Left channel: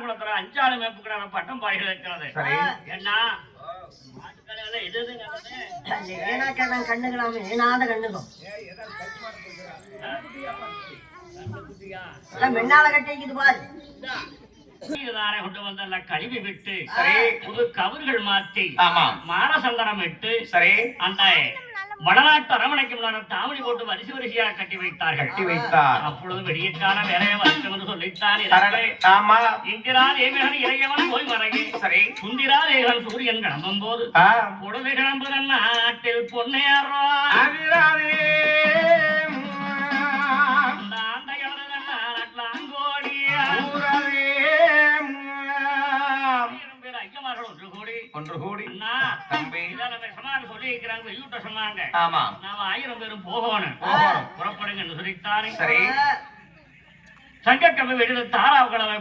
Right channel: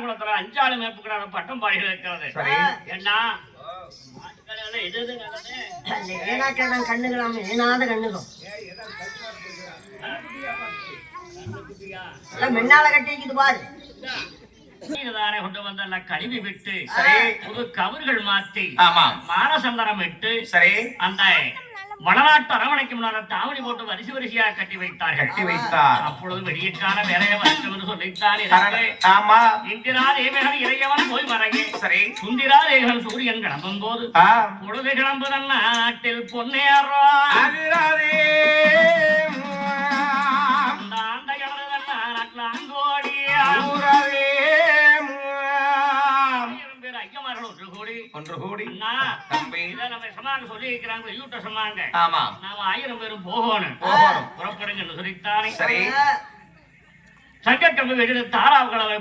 ஆலாங்குளத்துல அஞ்சாறு மேப்புக்கிறார பட்டம் பாடிகள் இருக்கிறது என்ன கண்ணுகளாம் ஏனாத கண்ணுகம் எல்லாம் மென்னால கட்டிக்குது பாரு. நீதானே கொண்டு வந்த அந்த கழுவி விட்டு சரி. புது கவர்கள் மாத்தி ஆமா. மானசந்தனம் சரி. அந்த வடநாட்டு அரவணைக்கு முன்னால தாவணி போட்டு வரிசை வரிசையாக கட்டி வைத்தார்கள். கட்டி வைத்தார். அப்பொழுது வெடியக்கான வேலையை வரைக்கும் என்று சொல்லித்தான் ஆமா. இந்திரா தேவகன் இறையவன் போய் மறையே. சரி. சுந்திரா தேவன் சூரியன் கிளம்பும் போது பொழுது கிளம்புதன் நாட்டில் பொன்னேறா. ஆண்டையவனதன் நாட்டில் அங்கோடியா ஐயமார்களும் ஒன்று கூடி.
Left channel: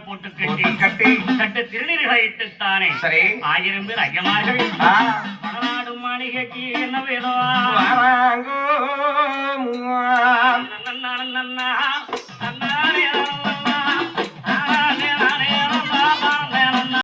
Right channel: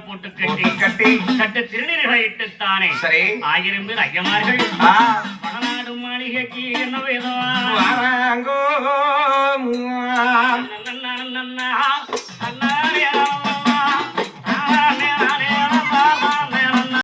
போட்டு கட்டி. கட்டி. கட்டு திருநீர்களை ஆயிரம் பேர் ஐயமார்கள். பணநாடு மாளிகைக்கு என்ன வேதம்?